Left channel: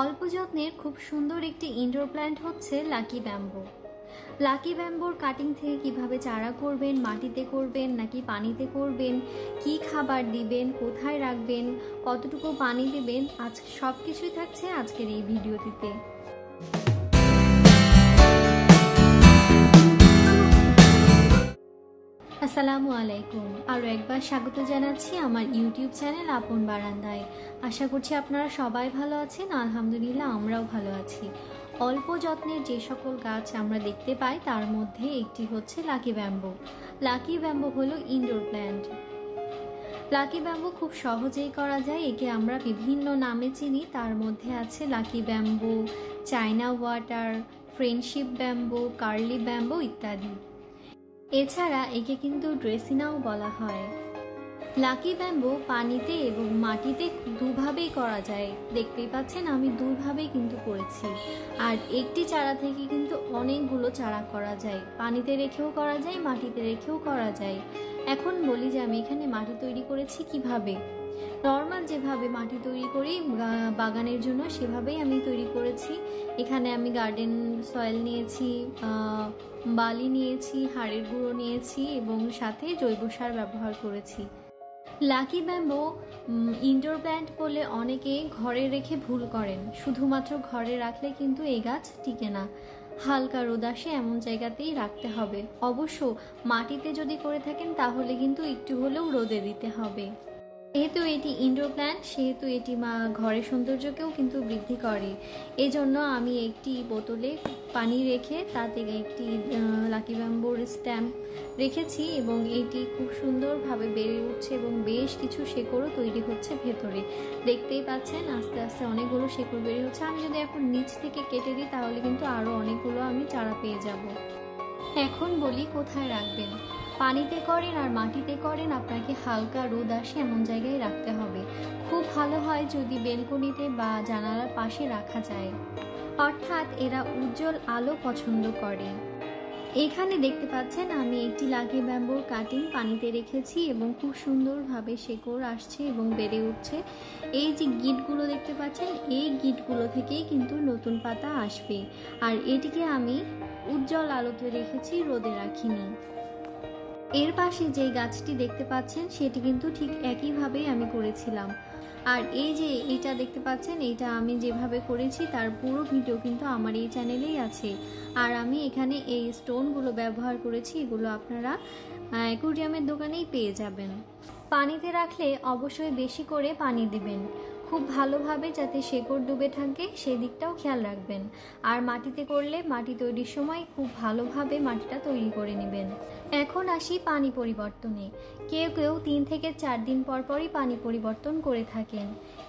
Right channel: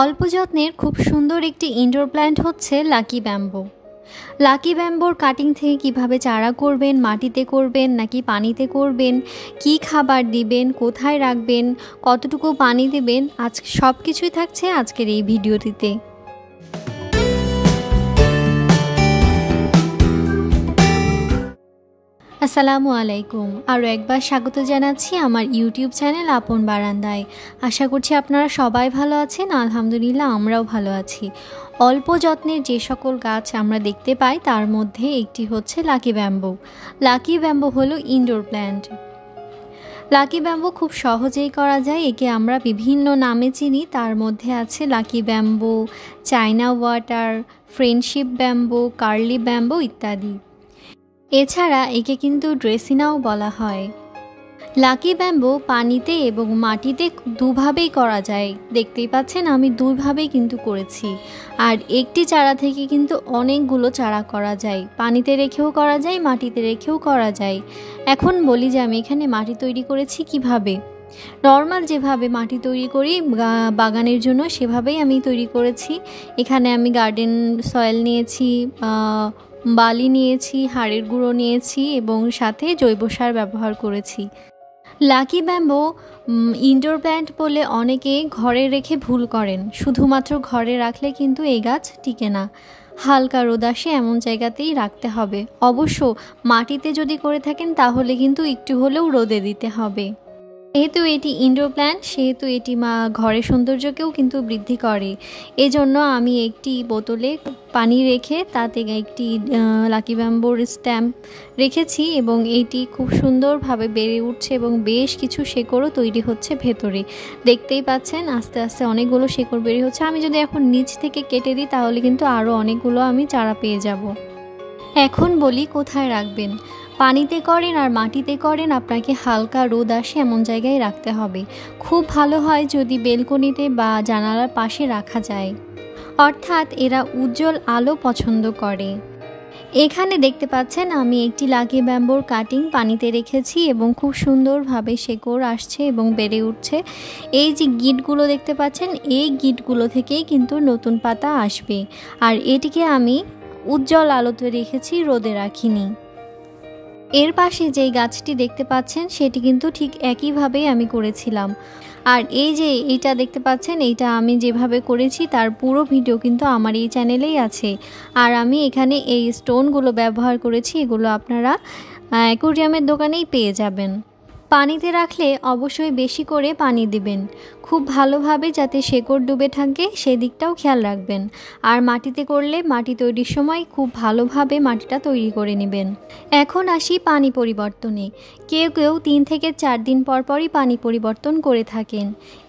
অল্প যত্নের খুব সুন্দর একটি ইনডোর প্ল্যান্ট হচ্ছে লাকি ব্যাম্বো। লাকি ব্যাম্বোর কাটিং থেকে কিভাবে চারা করবেন, মাটিতে করবেন নাকি পানিতে করবেন, কি খাবার দিবেন, কোথায় রাখবেন, কতটুকু পানি দেবেন, আজকে সব কিছুই থাকছে আজকের এই ভিডিওটিতে। আসসালামু আলাইকুম, আরও একবার স্বাগত জানাচ্ছি আমার ইউটিউব চ্যানেল আপন বারান্দায়। আশা করছি আপনারা সবাই ভালো আছেন। আলহামদুলিল্লাহ আমরাও ভালো আছি। অল্প যত্নের যে সকল গাছ আমরা দেখতে পাই তার মধ্যে একটি হচ্ছে লাকি ব্যাম্বো। লাকি ব্যাম্বো হলো ইনডোর প্ল্যান্ট। লাকি ব্যাম্বো খুব সহজেই করা যায়। একে আমরা বিভিন্ন নামে চিনি, তার মধ্যে আছে lucky bamboo, China water, friendship bamboo, curly bamboo ইত্যাদি। এছাড়া একে কিন্তু ড্রেসিনাও বলা হয়। লাকি ব্যাম্বো পানিতে এবং মাটিতে দুভাবেই করা যায়। দেখতেই পাচ্ছেন আমি দুইভাবেই কিন্তু করেছি। আর একটি চারা থেকে কিন্তু অনেকগুলো চারা করা যায়, পানিতে রেখেও করা যায়, মাটিতে রেখেও করা যায়। এখন বলি যে আমি এখানে মাটি তৈরি করেছি কিভাবে। নর্মাল যেভাবে মাটি তৈরি করি বাগানের জন্য সেভাবেই আমি তৈরি করেছি। এখানে আমি গার্ডেন সয়েল নিয়েছি, বালি নিয়েছি, হাড়ের গুঁড়ো নিয়েছি এবং সাথে জৈব সার ব্যবহার করেছি। লাকি ব্যাম্বো ইনডোর প্ল্যান্ট বলে অনেকে ঘরে রেখে ভুল করেন। শুধুমাত্র ঘরে রাখলে কিন্তু এই গাছ টিকে না, হালকা রোদ আসে এমন জায়গাতেই রাখতে হবে। অবশ্য মাটিতে যদি করে থাকেন তাহলে কিন্তু একটু হলেও রোদে দিতে হবে। যেহেতু এটি ইনডোর প্ল্যান্ট সেহেতু এটি ঘরের সৌন্দর্যকেও কিন্তু বৃদ্ধি করে। এজন্য আমি একটি বোতলে পানি রেখে তাতে একটি লাকি ব্যাম্বোর স্ট্যাম্প রেখেছি এবং এইটি খুব সুন্দরভাবে বেড়ে উঠছে এবং বেশ কিছু শেকড়ও তৈরি হচ্ছে ভেতরে। দেখতেই পাচ্ছেন আস্তে আস্তে অনেকগুলো শেকড় বেড়ে হচ্ছে। আমি যদি এখন নিচ থেকে কেটে দিই তাহলে কিন্তু আরও অনেকগুলো আমি চারা পেয়ে যাব। এখন বলি কোথায় রাখবেন। পানিতে করেন আর মাটিতে করেন, আপনাকে হালকা রোদ আসে এমন জায়গায় রাখতে হবে। খুব ভালো হয় যদি বেলকনিতে বা জানালার পাশে রাখা যায়, অর্থাৎ এরা উজ্জ্বল আলো পছন্দ করে। এখানে দেখতে পাচ্ছেন আমি একটি লাকি ব্যাম্বোর কাটিং পানিতে রেখেছি এবং খুব সুন্দরভাবে শেকড় আসছে এবং বেড়ে উঠছে। এই যে গিঁটগুলো দেখতে পাচ্ছেন, এই গিঁটগুলো থেকেই কিন্তু নতুন পাতা আসবে। আর এটিকে আমি উজ্জ্বল আলোতে রেখেছি, রোদে রাখিনি। এর পাশে যেই গাছটি দেখতে পাচ্ছেন সেটি কিন্তু ঠিক একইভাবেই আমি করেছিলাম। আর এই যে এইটা দেখতে পাচ্ছেন, এইটা আমি যেভাবে করেছি তার পুরো ভিডিও কিন্তু আমার এই চ্যানেলেই আছে। আর আমি এখানে এই স্টোনগুলো ব্যবহার করেছি, এগুলো আপনারা অ্যাকোয়ারিয়ামের দোকানেই পেয়ে যাবেন। পানিতে রাখলে অবশ্যই বেশি করে পানি দিবেন, খুব ভালোভাবে যাতে শেকড় ডুবে থাকে সেদিকটাও খেয়াল রাখবেন। আর মাটিতে করলে মাটি তৈরির সময় খুব ভালোভাবে মাটিটা তৈরি করে নেবেন। এখন আসি পানি পরিবর্তনে। কেউ কেউ 3 থেকে 4 দিন পরপরই পানি পরিবর্তন করে থাকেন।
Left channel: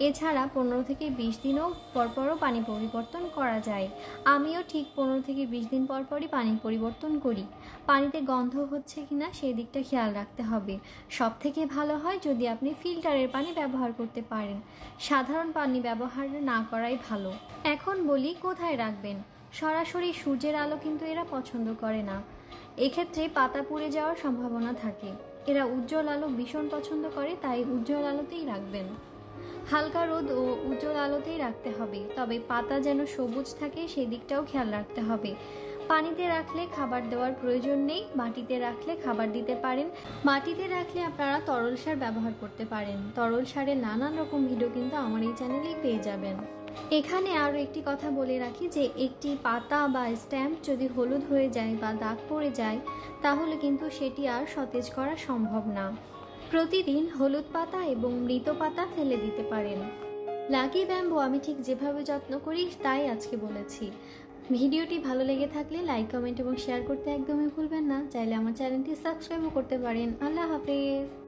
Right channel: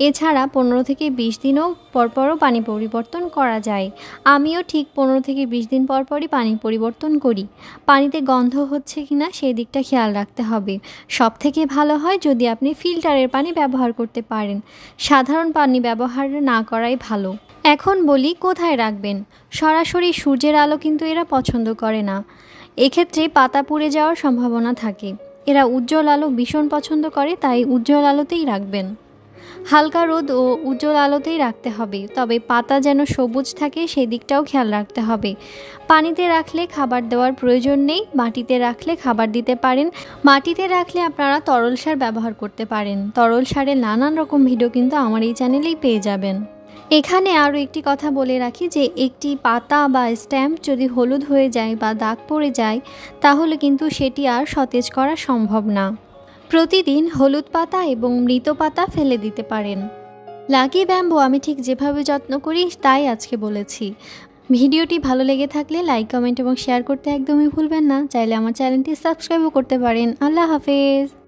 এছাড়া 15 থেকে 20 দিনও পরপরও পানি পরিবর্তন করা যায়। আমিও ঠিক 15 থেকে 20 দিন পরপরই পানি পরিবর্তন করি। পানিতে গন্ধ হচ্ছে কিনা সেই দিকটা খেয়াল রাখতে হবে। সব থেকে ভালো হয় যদি আপনি ফিল্টারের পানি ব্যবহার করতে পারেন, সাধারণ পানি ব্যবহার না করাই ভালো। এখন বলি কোথায় রাখবেন। সরাসরি সূর্যের আলো কিন্তু এরা পছন্দ করে না, এক্ষেত্রে পাতা পুড়ে যাওয়ার সম্ভাবনা থাকে। এরা উজ্জ্বল আলো ভীষণ পছন্দ করে, তাই উজ্জ্বল আলোতেই রাখবেন। হালকা রোদ ও উজ্জ্বল আলোতেই রাখতে হবে, তবে পাতা যেন সবুজ থাকে সেই দিকটাও খেয়াল রাখতে হবে। পানিতে রাখলে খাবার দেওয়ার প্রয়োজন নেই, মাটিতে রাখলে খাবার দিতে পারেন। মাটিতে রাখলে আপনারা তরল সার ব্যবহার করতে পারেন। তরল সারের নানান রকম ভিডিও কিন্তু আমার এই চ্যানেলেই পেয়ে যাবেন। এখানে আরও একটি কথা বলে রাখি যে একটি পাতা বা স্ট্যাম্প যদি হলুদ হয়ে যায় বা দাগ পড়ে যায় তাহলে কিন্তু সেটি আর সতেজ করা সম্ভব না। প্রতিদিন হলুদ পাতা এবং মৃত পাতা ফেলে দিতে পারেন। লাকি ব্যাম্বো আমি ঠিক যেভাবে যত্ন করি তাই আজকে বলেছি। ভিডিওটি ভালো লেগে থাকলে লাইক, কমেন্ট এবং শেয়ার করতে একদমই ভুলবেন না। চাইলে আমার চ্যানেলটি সাবস্ক্রাইবও করতে পারেন। আল্লাহ হাফেজ।